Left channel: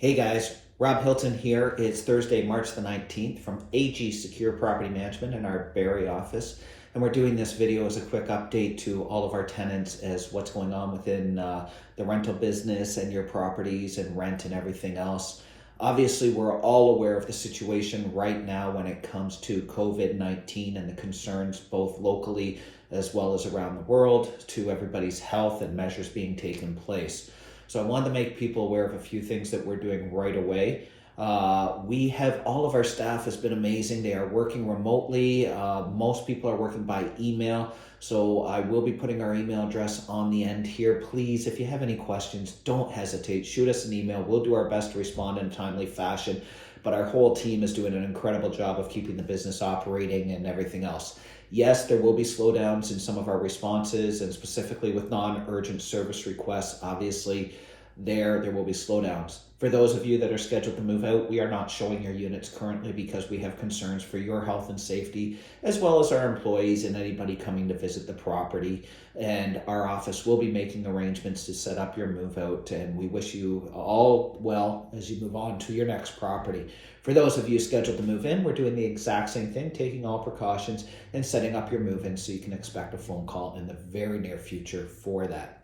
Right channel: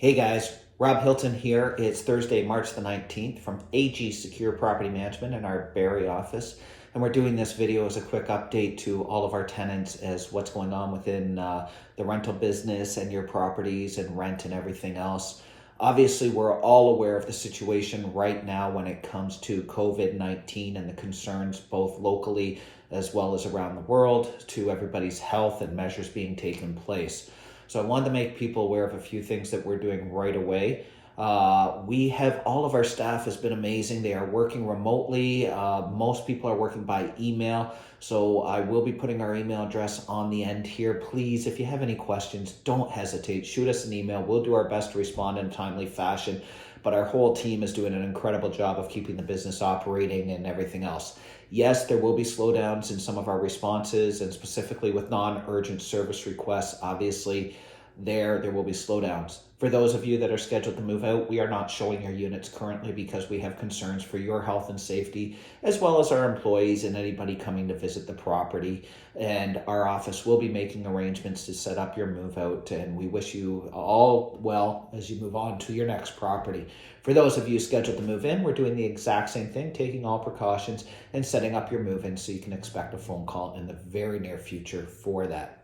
Hey guys, Rob Hilton here. It's Thursday, March the 19th from AG Secure Property Management in our Barrie office. And we're doing this video as a quick update to all of our tenants as what's going on within the rental business and your properties and rent and everything else. Obviously, we're all aware of the situation right now when it comes to COVID-19 and the concerns both locally as well as around the world to everybody's health and measures being taken place. So I wanted to make people aware of a few things that we're doing right away. All of our staff has been amazing. They are working remotely. Most people are working by email. So I will be putting our email address on the end here. Please, if you have any questions, don't hesitate. Shoot us an email. We'll do our best to respond in a timely fashion. But our whole team is doing an incredible job of keeping the business operating and everything else. Yes, there will be slowdowns in some of our responses, and specifically with non-urgent service requests, obviously there will be slowdowns. For those of you that are scheduled to move out, we are not showing your units currently because we have concerns for your health and safety, as well as our employees and anybody coming to visit the property. And our office will be making arrangements to set up your move out, and we wish you all well as you move on to your next property. For those of you scheduled to move in, we're doing the exact same thing, taking all precautions and setting up your move in so you can expect a phone call in the very near future for that.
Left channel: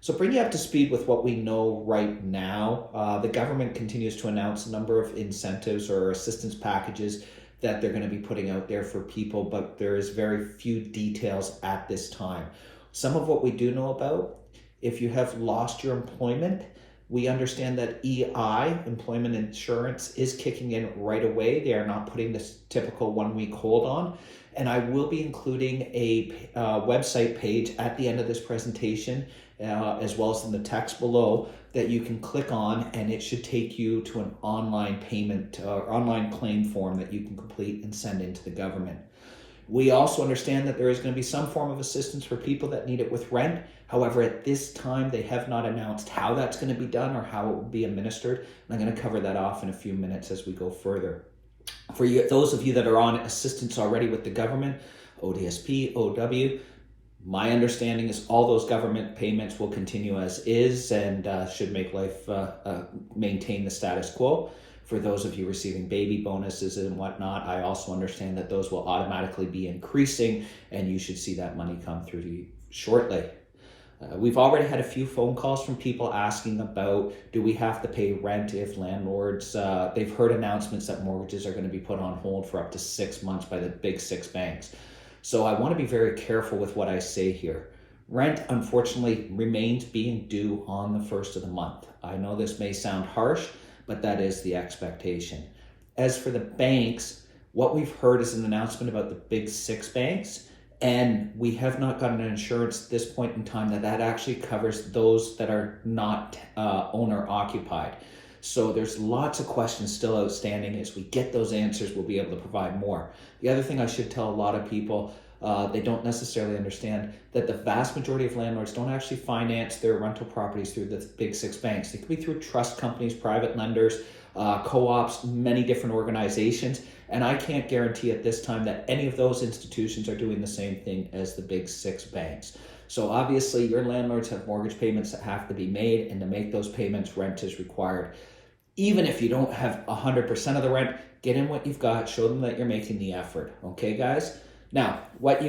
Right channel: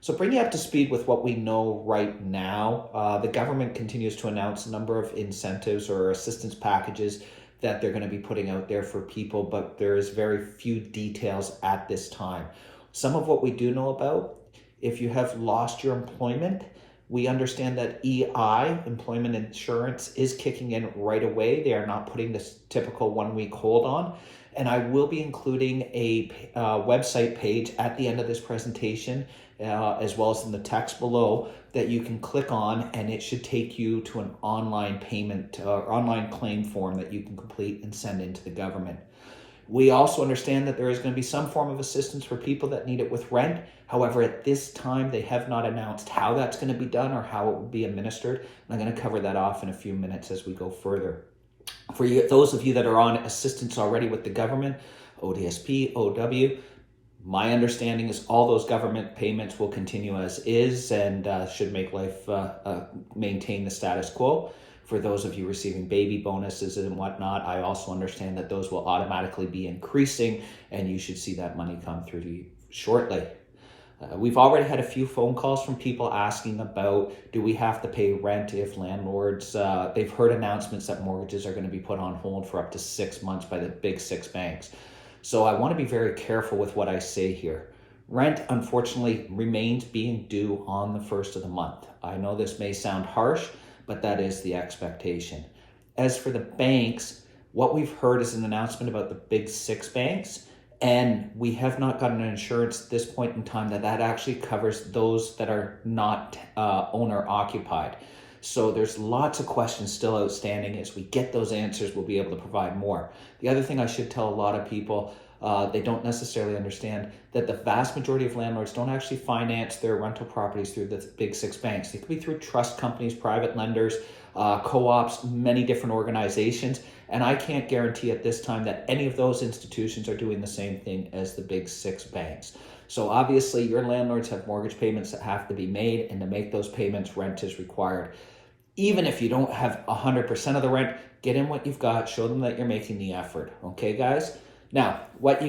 So bring you up to speed with what we know right now. The government continues to announce a number of incentives or assistance packages that they're going to be putting out there for people, but there is very few details at this time. Some of what we do know about, if you have lost your employment, we understand that EI, employment insurance, is kicking in right away. They are not putting this typical 1 week hold on. And I will be including a website page at the end of this presentation, as well as in the text below, that you can click on, and it should take you to an online payment, online claim form that you can complete and send into the government. We also understand that there is going to be some form of assistance for people that need it with rent. However, at this time, they have not announced how that's going to be done or how it will be administered. And I'm going to cover that off in a few minutes as we go further. For you, those of you that are on assistance already with the government, ODSP, OW, my understanding is all those government payments will continue as is and should make life maintain the status quo. For those of you receiving baby bonuses and whatnot, I also understand that those will automatically be increasing, and you should see that money come through to you shortly. We've already had a few phone calls from people asking about, do we have to pay rent if landlords, they've heard announcements that mortgages are going to be put on hold for up to 6 months by the big 6 banks. So I want to be very careful with what I say here. Rent, unfortunately, remains being due on the first of the month. I know this may sound harsh, but that is the expectation. As for the banks, what we've heard is an announcement about the big 6 banks, and we have not gotten an insurance at this point in time that actually covers those that are not owner occupied. So there's lots of questions still outstanding. As we get those answers, we'll be able to provide more. The other thing I should tell a lot of people, they don't necessarily understand that the vast majority of landlords don't actually finance their rental properties through the big 6 banks. They could be through trust companies, private lenders, co-ops, many different organizations. And I can't guarantee at this time that any of those institutions are doing the same thing as the big 6 banks. So obviously your landlords have mortgage payments that have to be made, and to make those payments, rent is required. Even if you don't have 100% of the rent, get in what you've got, show them that you're making the effort. Okay, guys? Now, what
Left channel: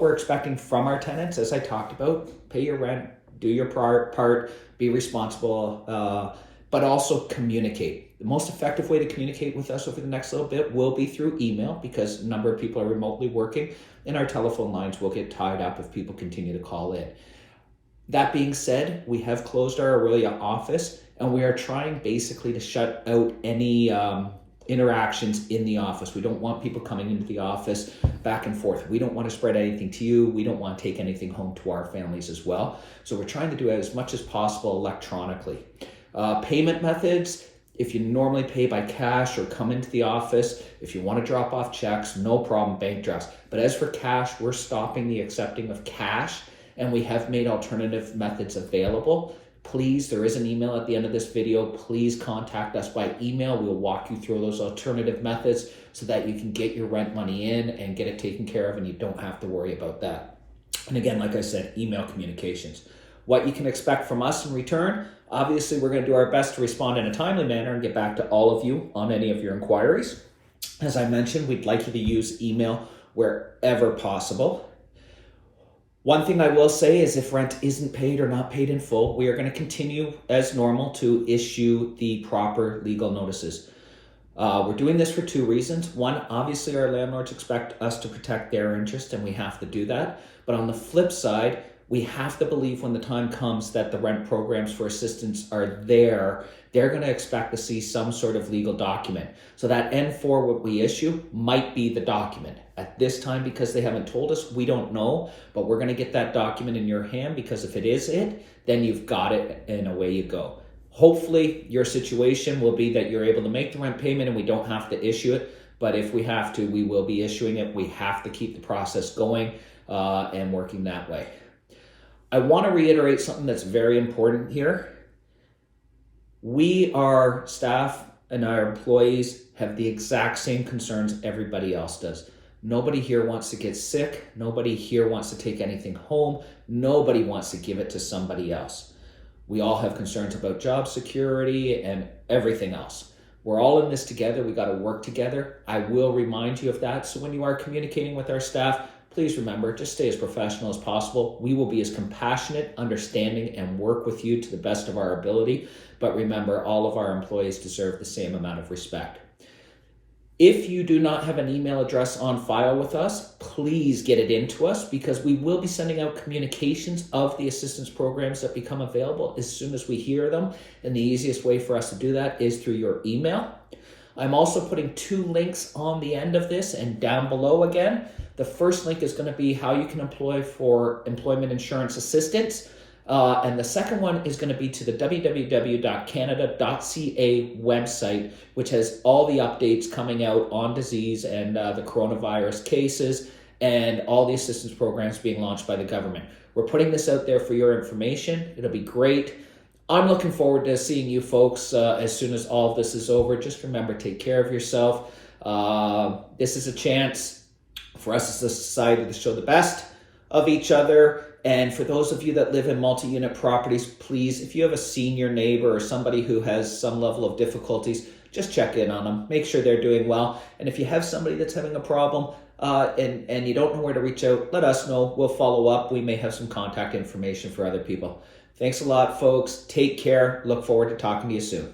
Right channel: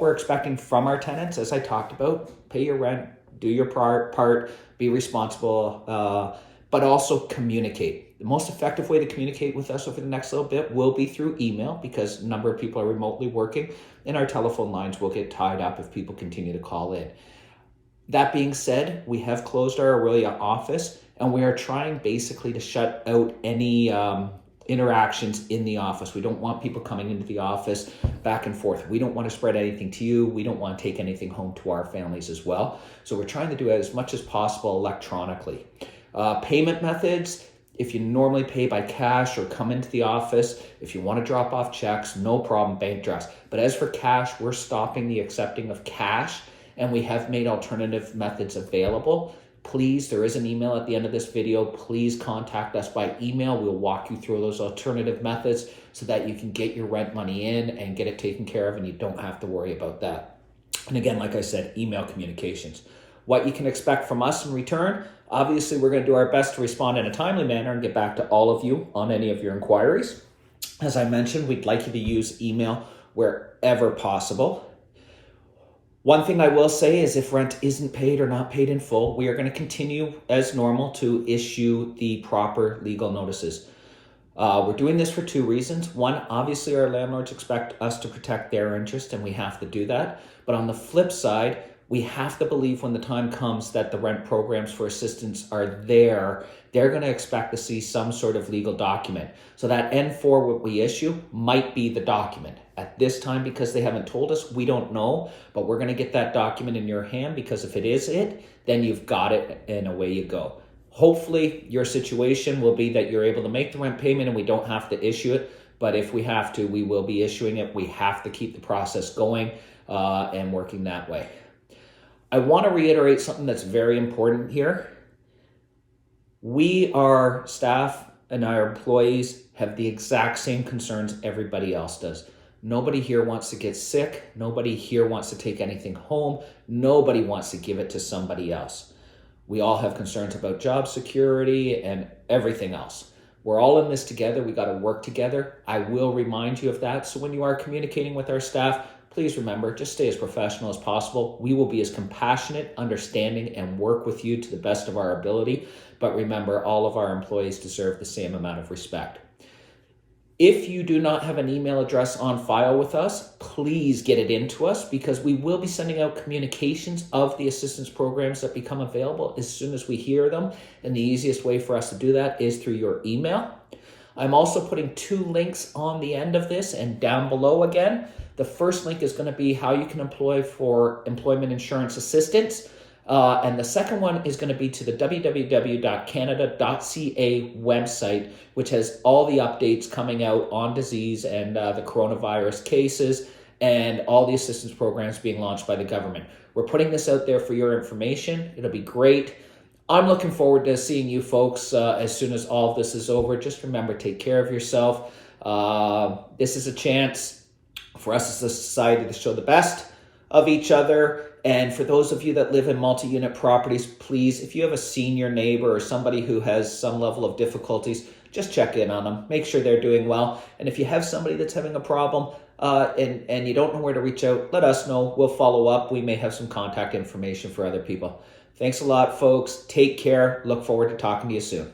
we're expecting from our tenants, as I talked about, pay your rent, do your part, be responsible, but also communicate. The most effective way to communicate with us over the next little bit will be through email, because a number of people are remotely working, and our telephone lines will get tied up if people continue to call in. That being said, we have closed our Aurelia office, and we are trying basically to shut out any interactions in the office. We don't want people coming into the office back and forth. We don't want to spread anything to you. We don't want to take anything home to our families as well. So we're trying to do it as much as possible electronically. Payment methods, if you normally pay by cash or come into the office, if you want to drop off checks, no problem, bank drafts. But as for cash, we're stopping the accepting of cash, and we have made alternative methods available. Please, there is an email at the end of this video. Please contact us by email. We'll walk you through those alternative methods so that you can get your rent money in and get it taken care of, and you don't have to worry about that. And again, like I said, email communications. What you can expect from us in return, obviously we're going to do our best to respond in a timely manner and get back to all of you on any of your inquiries. As I mentioned, we'd like you to use email wherever possible. One thing I will say is if rent isn't paid or not paid in full, we are going to continue as normal to issue the proper legal notices. We're doing this for two reasons. One, obviously our landlords expect us to protect their interest and we have to do that. But on the flip side, we have to believe when the time comes that the rent programs for assistance are there, they're going to expect to see some sort of legal document. So that N4 what we issue might be the document. At this time, because they haven't told us, we don't know, but we're going to get that document in your hand because if it is it, then you've got it and away you go. Hopefully your situation will be that you're able to make the rent payment and we don't have to issue it. But if we have to, we will be issuing it. We have to keep the process going and working that way. I want to reiterate something that's very important here. We, our staff and our employees, have the exact same concerns everybody else does. Nobody here wants to get sick. Nobody here wants to take anything home. Nobody wants to give it to somebody else. We all have concerns about job security and everything else. We're all in this together. We got to work together. I will remind you of that. So when you are communicating with our staff, please remember, just stay as professional as possible. We will be as compassionate, understanding, and work with you to the best of our ability. But remember, all of our employees deserve the same amount of respect. If you do not have an email address on file with us, please get it into us because we will be sending out communications of the assistance programs that become available as soon as we hear them. And the easiest way for us to do that is through your email. I'm also putting two links on the end of this and down below again. The first link is going to be how you can apply for employment insurance assistance. And the second one is going to be to the www.canada.ca website, which has all the updates coming out on disease and the coronavirus cases and all the assistance programs being launched by the government. We're putting this out there for your information. It'll be great. I'm looking forward to seeing you folks as soon as all of this is over. Just remember, take care of yourself. This is a chance for us as a society to show the best of each other. And for those of you that live in multi-unit properties, please, if you have a senior neighbor or somebody who has some level of difficulties, just check in on them. Make sure they're doing well. And if you have somebody that's having a problem and you don't know where to reach out, let us know. We'll follow up. We may have some contact information for other people. Thanks a lot, folks. Take care. Look forward to talking to you soon.